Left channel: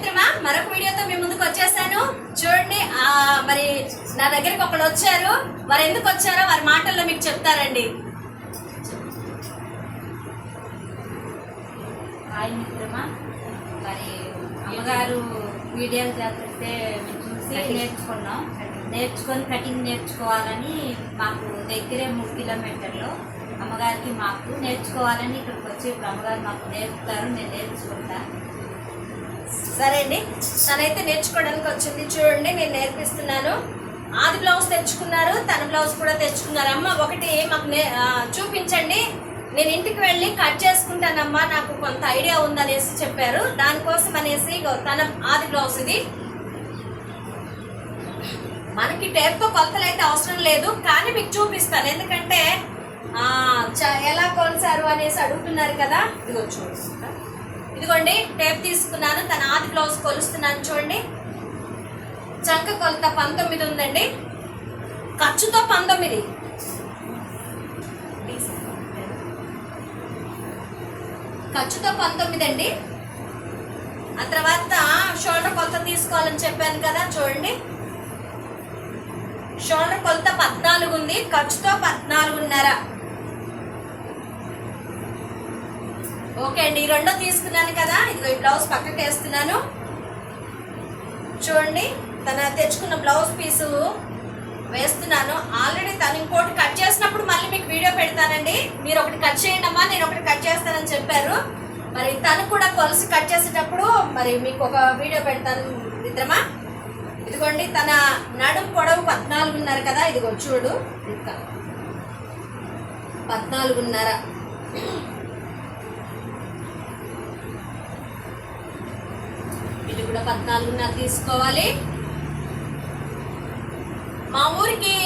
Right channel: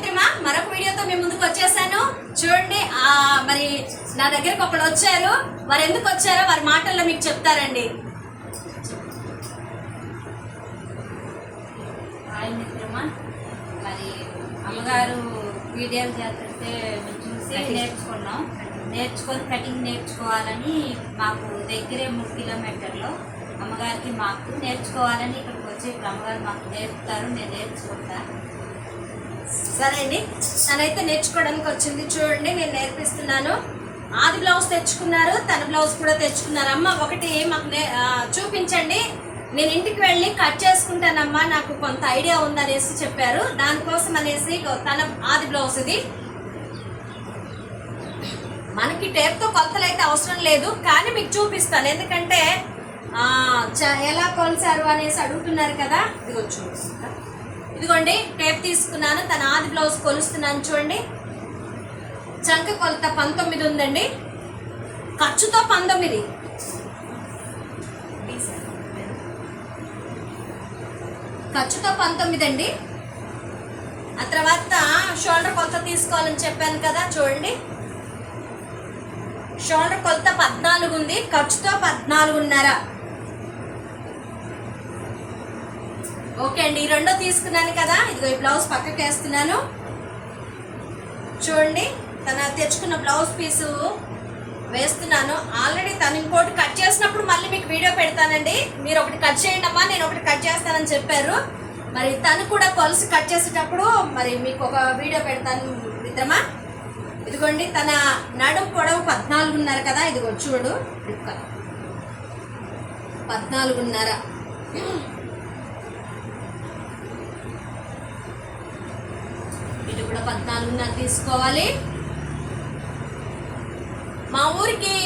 మిత్రమా మరొక వీడియోతో మీ ముందుకు వచ్చేసాను. చూడండి మరి నా దగ్గరికి ఒకళ్ళు వచ్చారు. వారు ఎందుకు వచ్చారో వారి మాటల్లో మీకు చెప్తారండి. హాయ్ మిత్రమా. మరి అమ్మగారు వీడియోలు చేస్తుంటే మేము చూసి నేర్చుకున్నాం. నేర్చుకొని కటింగ్ నేర్చుకోవాలని మాకు దగ్గరే మూడు కిలోమీటర్లు. అమ్మగారికి మాకు నేర్చుకోవాలని ఇక్కడికి వచ్చి ఇప్పుడు అమ్మగారు మాకు నేర్పుతారు నేను నేర్చుకుంటా. సరే అండి. తనైతే నేర్చుకోవడానికి వచ్చింది. చూడండి నేను నేర్పిస్తున్నాను. ఆది బ్లౌజ్ తెచ్చుకున్నారు తన బ్లౌజ్ కూడా తెచ్చుకున్నారు. అమ్మ ఒకటి మాకు నే- చూపించండి. నేను ఇంటికి వెళ్ళి కట్ చేసుకుంటానమ్మా నాకు కొంత ఐడియా ఉందనేసి చెప్పారు. దానికోసం అనేసి తన ఆది బ్లౌజ్ ఇది. మనకి టేప్తో కొలతలు అయితే అవసరం లేదు కానీ మీకు చూపిస్తాను. ఎందుకంటే చ- ఎలా కొలిసారు అనేసి అడుగుతున్నారు కదా. ఇదిగో చూపిస్తా ఇదిగోండి టేప్ తీసుకున్నాను తన ఆది బ్లౌజ్ కొలుస్తున్నాను చూడండి. చంక కొలత పంతొమ్మిది ఉందండి. ఖర్చుతో పంతొమ్మిది. ఖర్చుతో పంతొమ్మిది అండి. ఆ తర్వాత షోల్డర్ కొలత తీసుకోవాలని చెప్పాను కదా చూడండి. షోల్డర్ కొలత పద్నాలుగు ఉంది ఖర్చుతో పద్నాలుగున్నర. ఓకే అండి ఈ రెండో తీసుకున్నాను కదా. ఇదిగో ఈ బ్లౌజ్ పక్కకి వేస్తున్నాను. చూడండి తన తెచ్చుకున్న బ్లౌజ్ పీసు వేస్తున్నాను. ఆల్రెడీ తను ఇంకోటి కట్ చేసినప్పుడు మళ్ళీ మీకు వీడియో పెడతానండి. మీరు ఒకటి కట్ చేయండి అమ్మా నేను ఒకటి కట్ చేస్తానని చెప్పారు. మరి తను కూడా కొలసి కట్ చేసేటప్పుడు మరి మీకు ఒక వీడియో పెడతాను మిత్రమా? ఇదిగోండి తన నడుం పొడవు పద్నాలుగున్నర కదా. ఇదిగో చూడు పద్నాలుగున్నర. కూడా పద్నాలుగున్నర తీసుకోవాలి. మా ఊరికి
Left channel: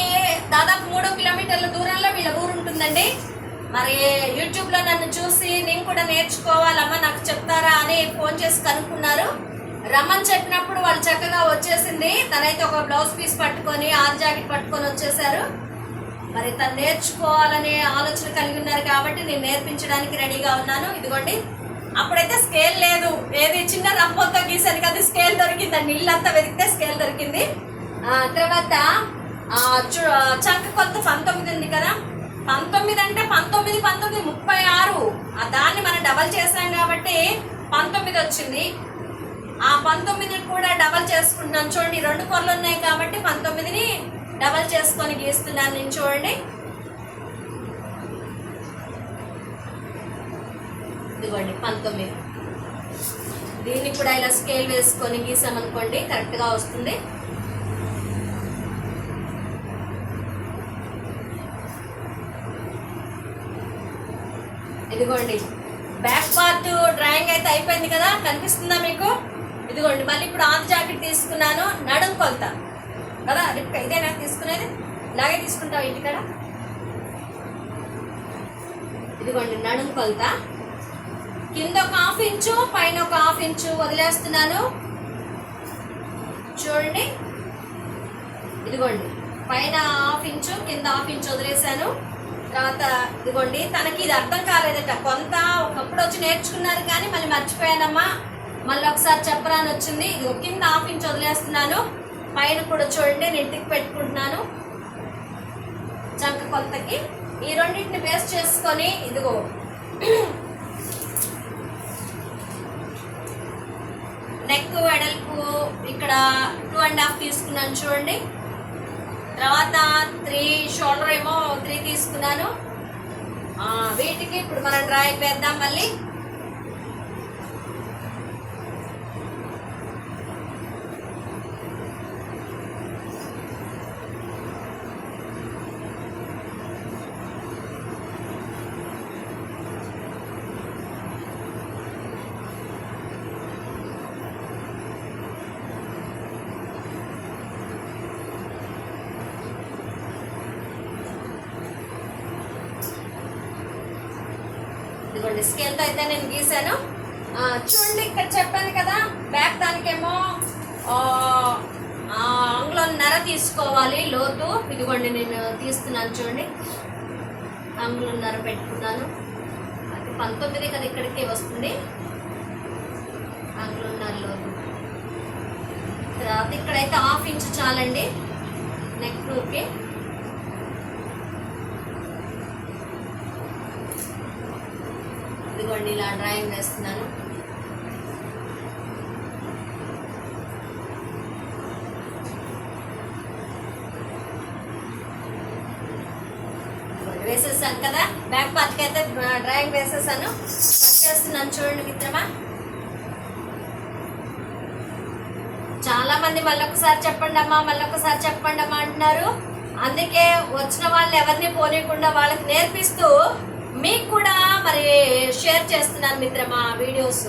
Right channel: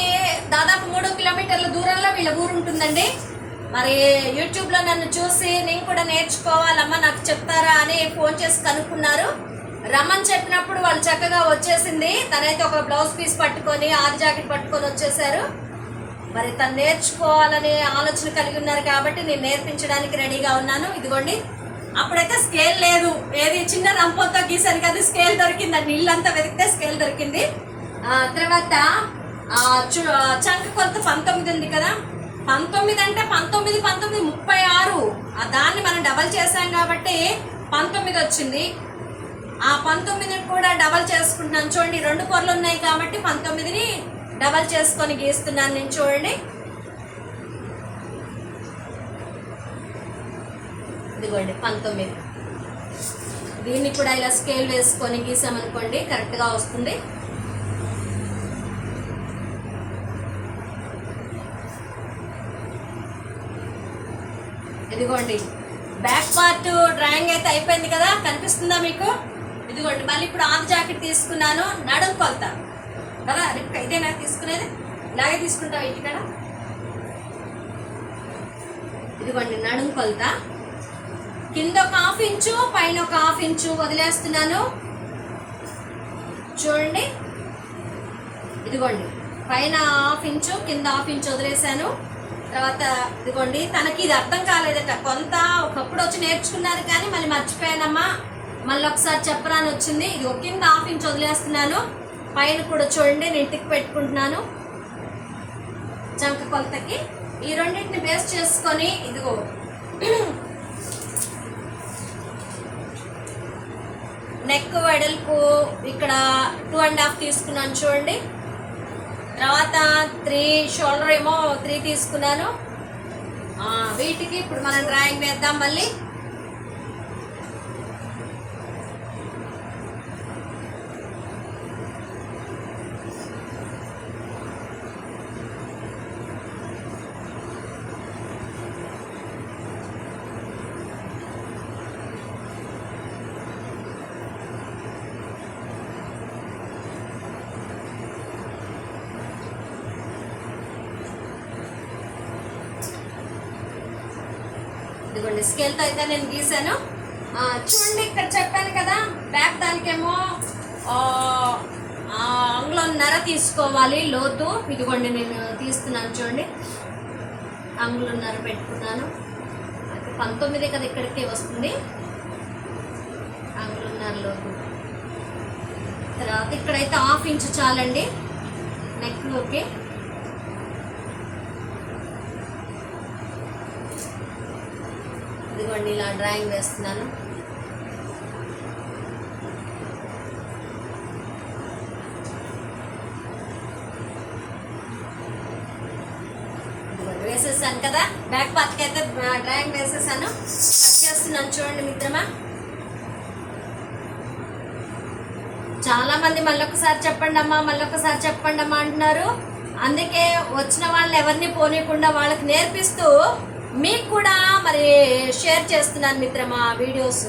దాదాపు మూడు కిలోమీటర్ల దూరంలో వీళ్ళ ఊరు ఉంటుందండి. మరి యూట్యూబ్లో నన్ను చూసి నేను కూడా నేర్చుకోవాలమ్మా నాకు చెప్తారా అని ఫోన్ చేసి కనుక్కున్నారు. రమ్మని చెప్పినప్పుడు వాళ్ళు చక్కగా వచ్చేసింది. తనైతే ఒక బ్లౌజ్ పీస్ పట్టుకొని ఆల్ జాకెట్ పట్టుకొని వచ్చేసారు. మరి తను నేర్చుకోవాలనే ఆలోచన కలిగి ఉన్నారు కాబట్టి నేను నేర్పించడానికి రెడీగా ఉన్నాను. ఇదిగోండి. అప్పుడైతే స్కేల్ లేదు. ఏది చిన్న రంపంతో గీసాను కదా స్కేల్ దొరికిందండి ఇల్లంతా వెతికితే స్కేల్ దొరికింది. తర్వాత చంక కొలత పంతొమ్మిది ఉంది కదా. పంతొమ్మిది అంటే పంతొమ్మిది పంతొమ్మిది ముప్పై ఆరు. దాన్ని మనం డబల్ చేసాం కాబట్టి పంతొమ్మిది వచ్చింది. ఆ పంతొమ్మిది కూడా డబల్ చేసుకుంటున్నాను. చూడండి రెండు కొరలు ఉన్నాయి కాబట్టి పంతొమ్మిదిని డబల్ చేసుకొని గీస్తున్నాను నేను చూడండి. ఇదిగోండి పంతొమ్మిది. దీన్ని కూడా ఇలా స్కేల్ వేసుకొని గీసామనుకోండి కరెక్ట్గా వస్తుంది. ఇదిగోండి బ్యాక్ పార్ట్ డ్రాయింగ్ అయితే అయిపోయింది కదా కనిపిస్తుందా మీకు? ఇదిగోండి మళ్ళీ ఇప్పుడు ఆది జాకెట్ తీసుకున్నాను నడుం కొలత. కదా రిప్కా ఇదే నాకు తీసుకునేది? ఇలాగే తీసుకుంటావు ఇంటికాడ? ఇదిగోండి నడుం కొలత. కింద ఒక హాఫ్ ఇంచు పైన ఒక హాఫ్ ఇంచు వదిలేస్తున్నాను. చూడండి. ఇదిగోండి. పైన హాఫ్ ఇంచు కింద హాఫ్ ఇంచు వదిలేసాను తర్వాత ఇదిగోండి. తనకి ఇది అర్థం కాలేదట. కొంత ఒకప్పుడు వచ్చి నేర్చుకున్నారు కానీ మళ్ళీ మర్చిపోయానమ్మా. మళ్ళీ ఒకసారి చెప్పరా అని వచ్చింది. ఇది ఒక కింద హాఫ్ ఇంచ్ వదిలేస్తున్నాను. పైన కూడా చూడండి. నేను టిక్ పెట్టుకుంటున్నాను. చంక కొలతకి. ఈ రెండింటిని బేస్ చేసుకొని ఇదిగో. నెక్ వెడల్పు ఇక్కడ టూ అండ్ హాఫ్ తీసుకున్నాను చూడండి. తర్వాత త్రీ షోల్డర్ ఏమో త్రీ తీసుకున్నాను. వీటికి ఇప్పుడు మనం డ్రాయింగ్ వేద్దాం మళ్ళీ ఇదిగోండి స్కేల్తో అయితే నేను గీసాను చూడండి ఇక్కడ చెప్పాను కదా బ్యాక్ దానికేమో ఆ, నర తీసుకోవాలి లోతు. ఇదిగోండి నేను తీస్తున్నాను చూడండి. అంగుళన్నర పెట్టుకున్నాను. అది పంతొమ్మిది కదా ఇక్కడికే వస్తుంది. అంగుళన్నర లోతు. తర్వాత ఇక్కడైతే హాఫ్ ఇంచు చాలండి. నెక్లోకి. ఇదిగోండి ఇలా డ్రాయింగ్ వేస్తున్నాను. వేసేసాను కదా. బ్యాక్ పార్ట్కి అయితే డ్రాయింగ్ వేసేసాను. కట్ చేస్తున్నాను చూడండి మిత్రమా. చాలా మంది మళ్ళొకసారి చెప్పండి అమ్మా మళ్ళొకసారి చెప్పండి అమ్మా అంటున్నారు. అందుకే వచ్చిన వాళ్ళని ఎవరిని పోనీయకుండా వాళ్ళకి నేర్పిస్తూ మీకు కూడా మరి షేర్ చేస్తున్నాను మిత్రమా వీడియోస్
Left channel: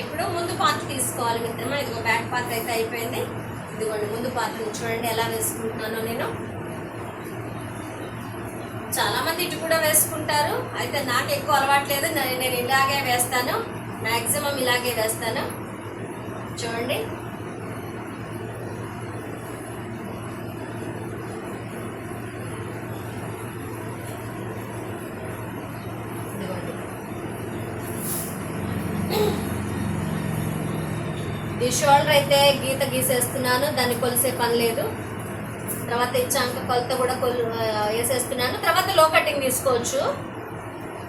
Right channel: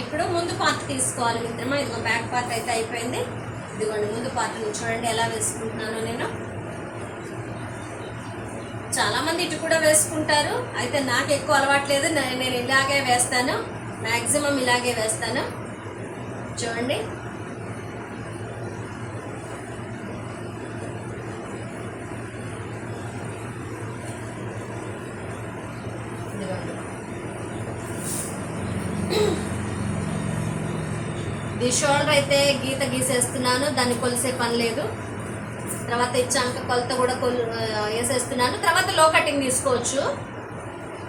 ఇప్పుడు ముందు పార్ట్ తీసుకోవాలి మిత్రమా? ఇదిగో బ్యాక్ పార్ట్ అయితే అయిపోయింది. ఇదిగోండి ముందు పార్ట్ చూడండి ఎలా వేసుకుంటున్నానో నేను. చాలామంది ఇటు కూడా వేసుకుంటారు. అయితే నాకు ఎక్కువ అలవాట్లేదు నేను ఇలాగే వేస్తాను. మ్యాక్సిమం ఇలాగే వేస్తాను. చూడండి ఇదిగోండి ఈ షోల్డర్ అయితే గీత గీసేస్తున్నాను దాన్ని కొలిసే పని లేదు. తర్వాత ఇచ్చాక కొలత కూడా కొలు వేసేస్తున్నాను. తర్వాత లో కటింగ్ తీసుకోవచ్చు.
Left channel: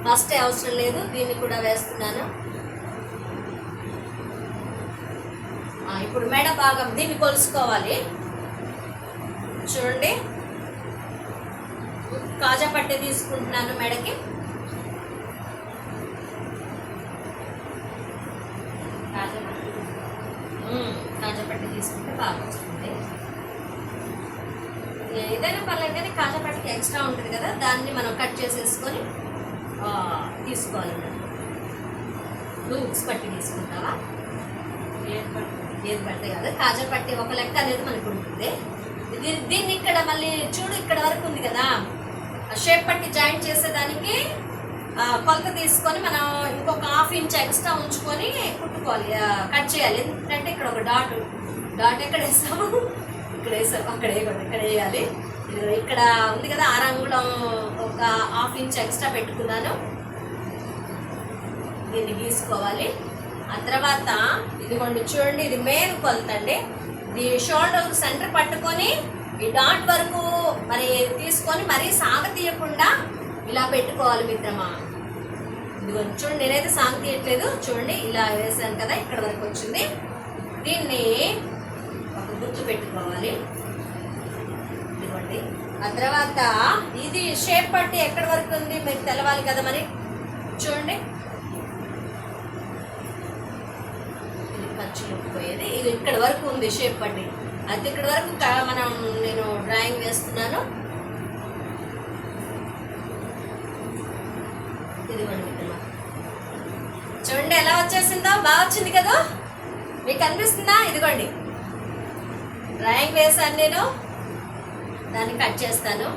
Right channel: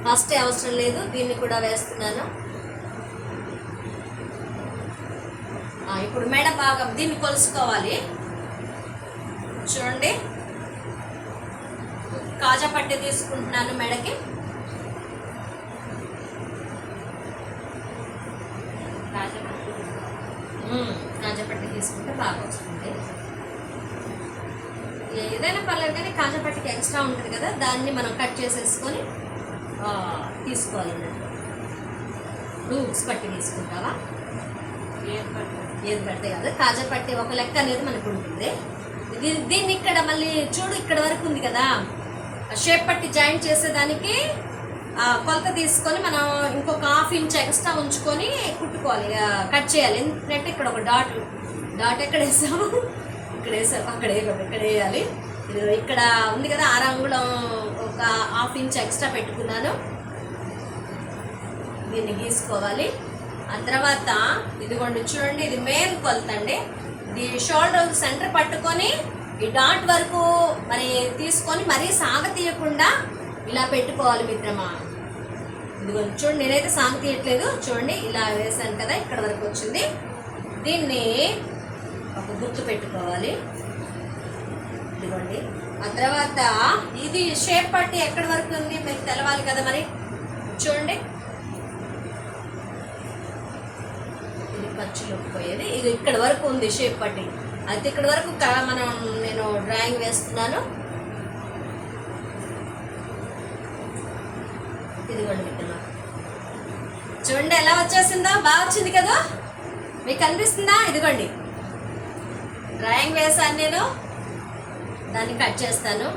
ఫస్ట్ అవసరం లేదు దీన్ని కూడా వేస్తున్నాను. ఇప్పుడు మెడ భాగం దీన్ని కొలుసుకోవాలి. చూడండి. కాజా పట్టే తీసుకుంటున్నాను మెడకి కాజా పట్టు మ్మ్. కాజా పట్టి తీసుకుంటే బాగా వస్తుంది. ఏదైనా పర్లేదు కానీ కాజా పట్టికి ఎక్స్ట్రా ఉంటుంది కదా దాన్ని మనం కట్ చేసేసుకొని ఆ, తీసుకోవాలి నువ్వు ఉక్స్ పట్టి తీసుకుంటావా? ఏది పడితే కాదు. కాజా పట్టి ఒక లెక్క అనేది మనకు ఉంటుంది. దీన్ని ఇక్కడ మళ్ళీ చూడు ఇక్కడ వరకు ఉంది కదా. ఆ షేప్ పట్టి జాయింట్ చేసేదానికి కొలత తీసుకొని మనం ఇంకొక హాఫ్ ఇంచ్ ఎక్స్ట్రా ఉంచుకొని కుట్టుకోవాలి కట్ చేయాలి. ఎందుకంటే ఇక్కడ ఒక డాట్ డాట్ ఎక్కడ వేసాము? ఇక్కడ వేసాము అక్కడ వేయకూడదు ఇక్కడ వేయాలి. ఇక్కడ ఉంది కదా ఆరు ఒక హాఫ్ ఇంచ్ ఎక్స్ట్రా పెట్టుకున్నాను. దీన్ని గీసుకోవాలి. ఆ తర్వాత ఇదిగోండి చూడండి ఇది మెయిన్ కొలత అండి. ఇది షోల్డర్ సెంటర్ పట్టుకొని ఈ డాట్ వరకు మరి తీసుకొని మరీ సాగ తీయకుండా ఇలా పెట్టుకోవాలి మిత్రమా. ఇదిగోండి చూడండి నేనైతే సాగ తీయట్లేదు. చూడండి ఇలా వేసాను కదా ఇక్కడ వరకు వచ్చింది. దీన్ని ఒక గుర్తు పెట్టుకోవాలి. ఇదిగోండి. ఆ తర్వాత ఇది షేప్ పట్టి ఎక్కడి వరకు ఉంది మీకు తెలవాలి కదా మరి? చూడండి. ఇది ఖర్చులోకి పోయేది. ఇది ఇక్కడ వరకు ఉంది షేప్ పట్టి. అయితే ఇక్కడ వరకు మనం నేను డ్రాయింగ్ వేస్తున్నాను. ఇదిగోండి. మిత్రమా ఎలా వచ్చేసిందో బాగా వచ్చింది కదా? మీకు అనిపిస్తుందా? ఇదిగోండి. డ్రాయింగ్ వేసాను నేను. దాన్ని కట్ చేస్తాను.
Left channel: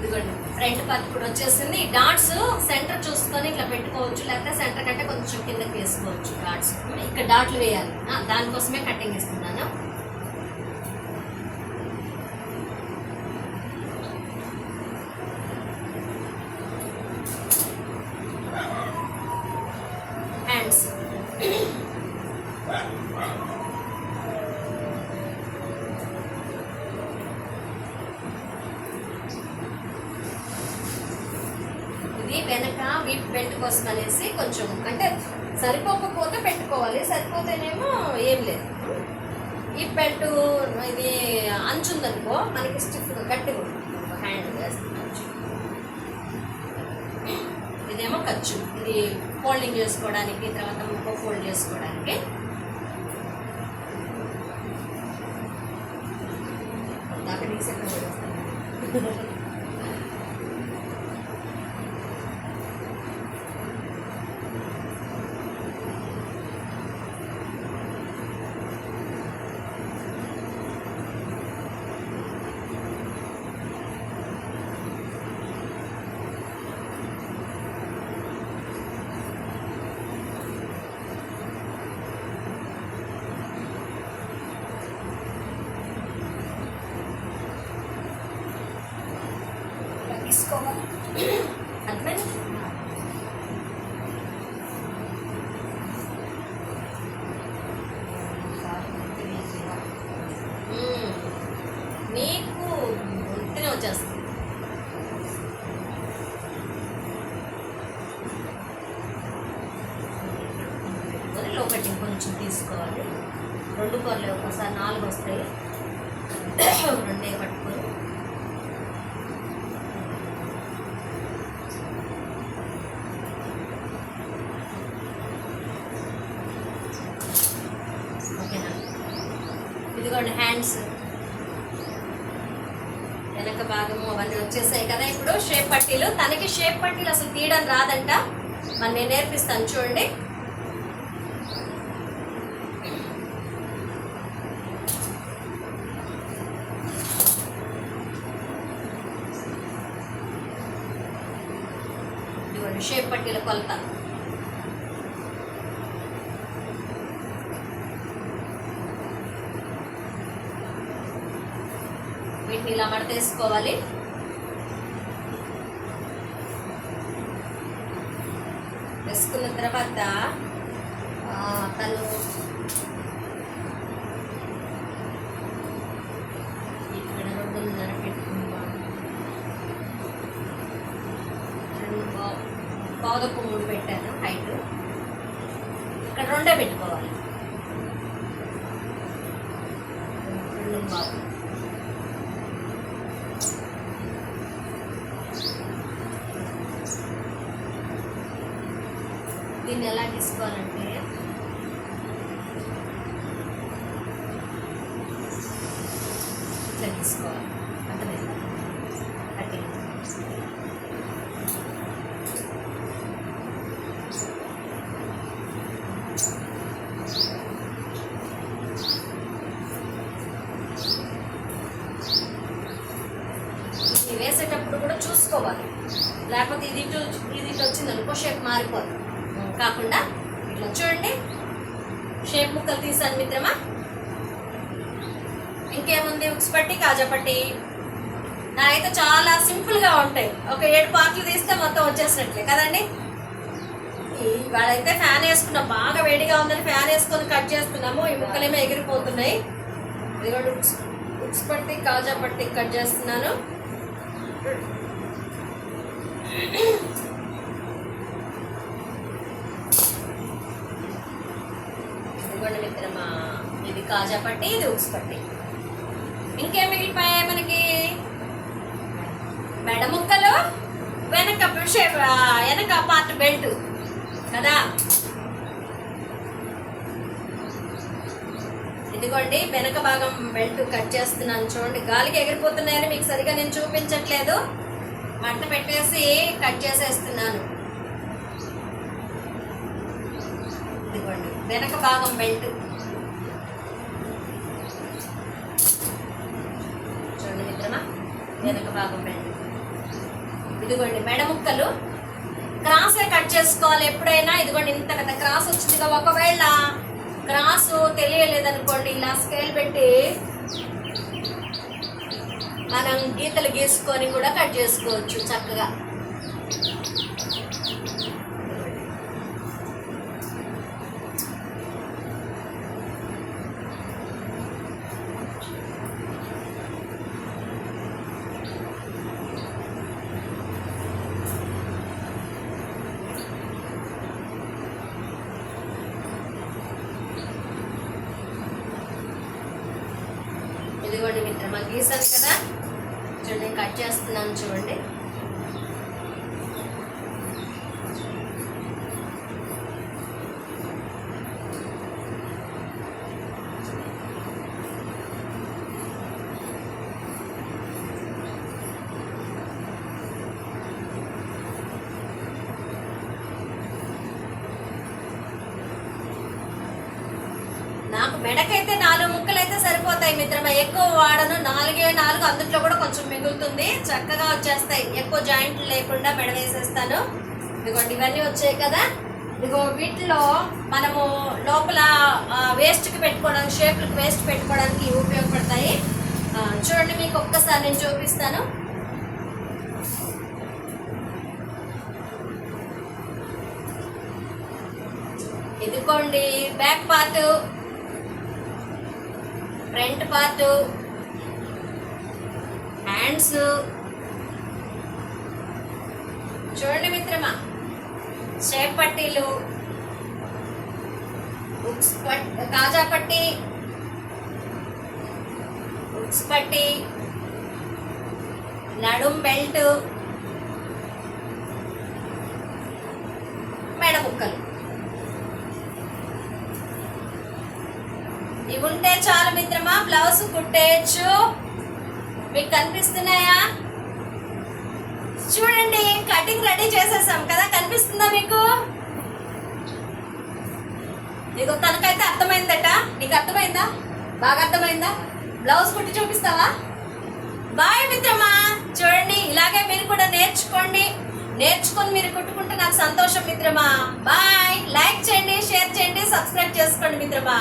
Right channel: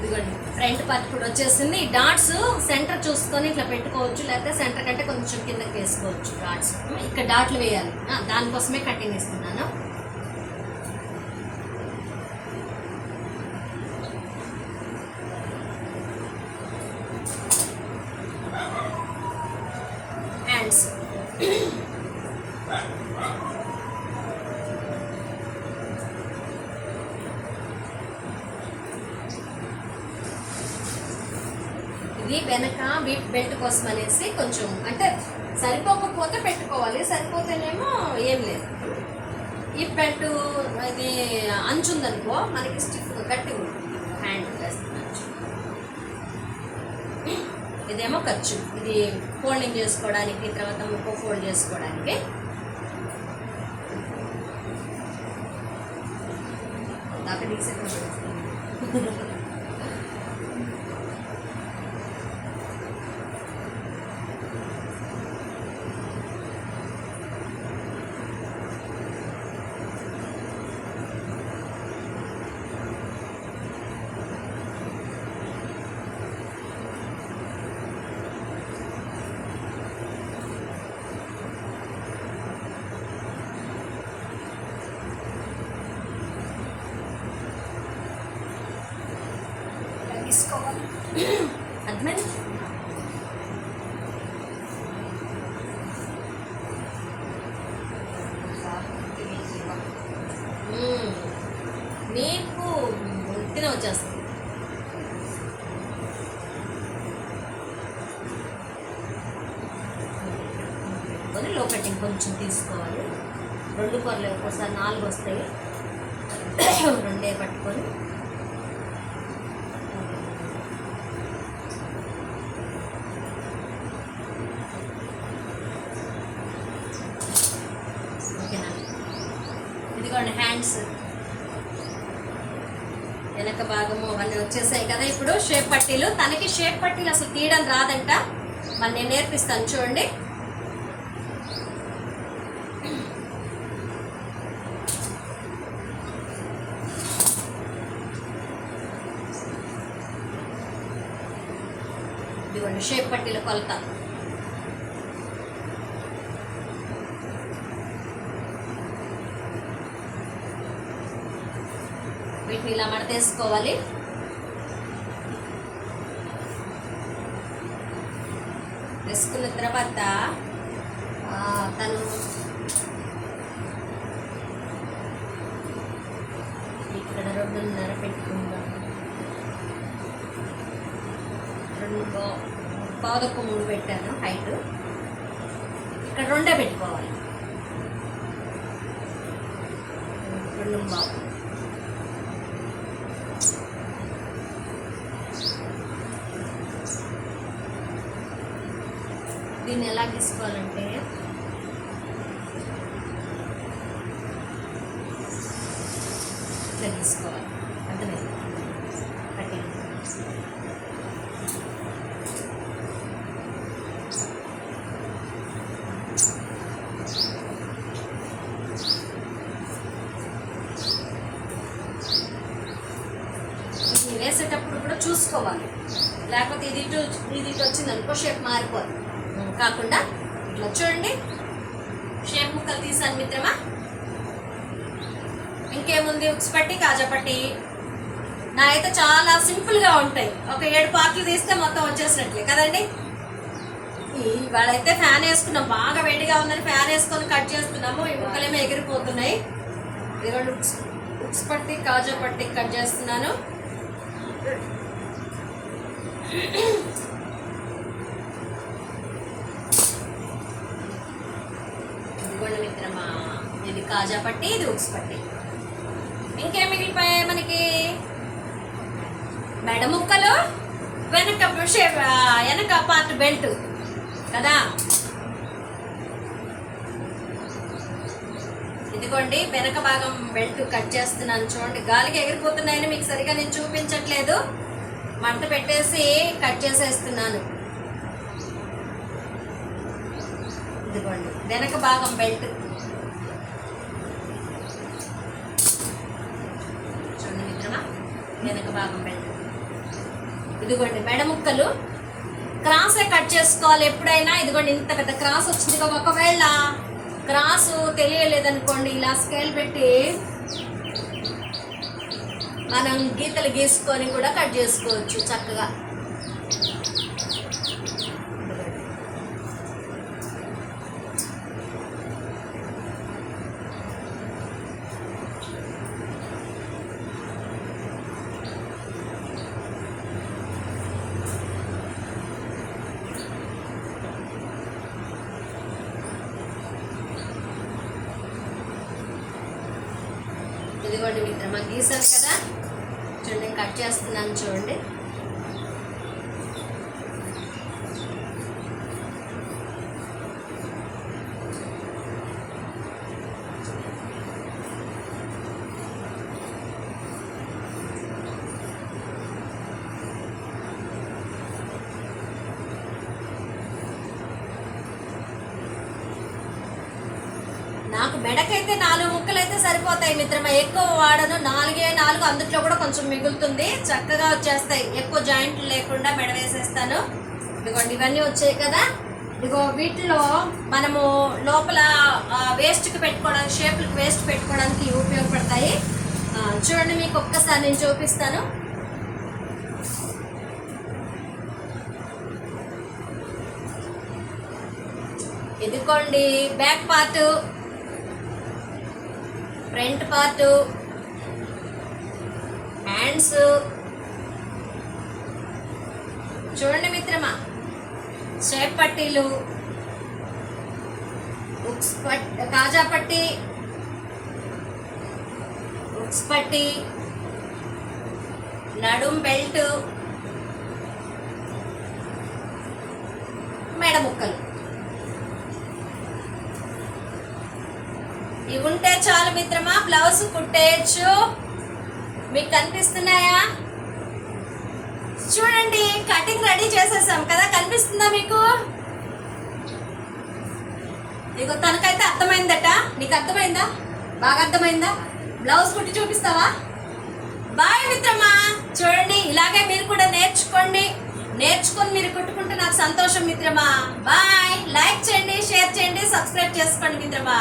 ఇదిగోండి ఫ్రంట్ పార్ట్ కూడా వచ్చేసింది ఈ డాట్స్ సెంటర్ చూసుకొని ఇట్లా పెట్టుకోవచ్చు లేకపోతే సెంటర్ కంటే కొంచెం కిందకి వేసుకోవచ్చు డాట్స్. ఇక్కడ డాట్లు వేయాలి. దానికోసమే కటింగ్ ఇస్తున్నాను హ్యాండ్స్ ఇది వెనక వీప్ బెల్ట్ కోసం అనేసి కొంచెం అంటే సరిపోకపోతే పెట్టుకోవాలి సరిపోతేనేమో ఏం లేదు. ఈ బెల్ట్ ఇది అంచు ఉందనుకో మనకి స్టిఫ్ గట్టిగా ఉంటుంది. హ్యాండ్ వేస్తుంది అంచు. ఇదేమో ఖర్చు. ఇది ఫోల్డింగ్ చేసుకోవడానికి తర్వాత ముక్క ఫోల్డ్ చేసుకోవడానికి. దాకా తీసి ఎక్కడ పడేస్తాను తీసుకోవాలి అర్థమైంది మ్మ్. నీకు ఉత్తినే వచ్చేస్తుంది. పెట్టుకొని లో కటింగ్ కొంచెం తీసుకోవాలి. రెండు కూరలు ఒక్కోసారి నాలుగు వస్తాయి. రెండే పట్టుకొని ఓకేనా ఇదిగోండి హ్యాండ్స్ వెనక భాగము అవన్నీ వచ్చేసాయి కదా. ఇప్పుడు షేప్ పట్టీలు. తనకి షేప్ పట్టీలు అసలు తీయడం రాదంట. మరి నేను నేర్పిస్తాను చూడండి. షేప్ పట్టీల కొలత. వేసుకోవాలి వేసుకున్న తర్వాత తను ఇక్కడ రెండున్నర పెట్టుకుందాం. రెండు పా- మూడు పెట్టాను హైట్. ఇక్కడ రెండే పెట్టుకోవాలి. రెండు బాబు దీన్ని ఎలా తీసుకోవాలంటే ఇట్లా తీసుకోవాలి అర్థమైంది కటింగ్ ఇది వేసేటప్పుడు కూడా చూసుకోవాలి లేకపోతే ఇది ఇటు ఇది ఇటు వచ్చింది అనుకో షేప్ మారిపోతుంది కాకుండా ఇట్లా చూడండి షేప్ ముక్కలు తీసాను మిత్రమా ఇంకేముంది? ఉక్స్ పట్టి కాజా నా అయితే చాలా సింపుల్గా ఉంటాయి. ఒక ఏడు పార్ట్లు తీస్తే మొత్తం వచ్చేసినట్లే. కదండి? ఇవాళైతే ఫ్యాన్ వేసుకున్నాం. బాగా వేడిగా ఉందని ఫ్యాన్ వేసుకొని కట్ చేస్తున్నాము. ఈ ముక్కలేమో ఎగిరిపోతున్నాయి. ఇదిగోండి ఉక్స్ ఉక్స్ పట్టి కాజా పట్టి కట్ చేస్తున్నాను. కాజా పట్టి ఇది ఉక్స్ పట్టి. ఇంకేం మిగిలిపోయాయి మనకి? మెడ ముక్కలు వెనక షేప్ వెనక పార్ట్ బెల్ట్. కదా? ఇదిగోండి వెనక భాగం బెల్ట్ కట్ చేస్తున్నాను చూడండి. గాలికి ఎగిరిపోతున్నాయని మీకు సరిగా నేను చూపించట్లేదు. మంట పెట్టేసి కట్ చేసేస్తున్నాను. ఇదిగోండి వెనక భాగం బెల్ట్ చూడండి మిత్రమా వెనక భాగం బెల్ట్ ఇదిగోండి మెడ ముక్కలు. క్రాసే కట్ చేసుకోవాలి ఎప్పుడైనా? ఇదిగోండి ఇంత పెద్ద క్రాస్ వచ్చింది ఒకవేళ క్రాస్ తెలియలేదనుకోండి ఇలా స్కేల్ పెట్టి మనం గీతలు గీసుకొని కూడా కట్ చేసుకోవచ్చు చక్కగా. ఇదిగోండి మిత్రమా గీసాను కదా. చూడండి కట్ చేస్తున్నాను చూడండి. నాకు మెడకైతే నాలుగు ముక్కలు అయితే సరిపోతాయి మిత్రమా. ఎక్కువ వాడను. నాలుగే నాలుగు అందుట్లో కూడా కొంచెం మిగులుతుంది. చక్కగా వచ్చేస్తాయి. ఎక్కువ జాయింట్ లేకుండా మెడ వేసేస్తాను ఇదిగోండి ఇవన్నీ వచ్చాయి కదా. ఇదిగో వీటిలో మనము లోపల వేస్ట్కి పెట్టుకోవడానికి షేప్లకు వేస్ట్ పెట్టుకోవడానికి ఉపయోగపడతాయి. చూడండి మీకు ఒక్కసారి నేను చూపిస్తాను. ఇదిగోండి back part front part hands. చూడండి మిత్రమా షేప్ పట్టీలు ఉక్స్ పట్ కాజా పట్టి ఉక్స్ పట్టి నడుం బెల్ట్ మెడ ముక్కలు. ఇవి ఉంటే చాలు మిత్రమా? బ్లౌజ్ కుట్టేయచ్చు. మీకు కనిపిస్తున్నాయా? చూడండి కటింగ్ రెడీ చేసేసాం కదా కనిపిస్తుందా మీకు? నీకు తనకైతే అర్థమైందట. నీకు అర్థమైందా? బాగా అర్థమైందా? బ్లౌజ్ కుట్టి చూపిస్తావా? బాయ్ మిత్రమా. చూడండి ఇలాగే మీరు కూడా నేర్చుకోండి. నేర్చుకొని మీరు కుట్టుకుంటే నాకు సంతోషం మిత్రమా. బాయ్. లైక్ చేయండి షేర్ చేయండి సబ్స్క్రైబ్ చేసుకోండి మిత్రమా.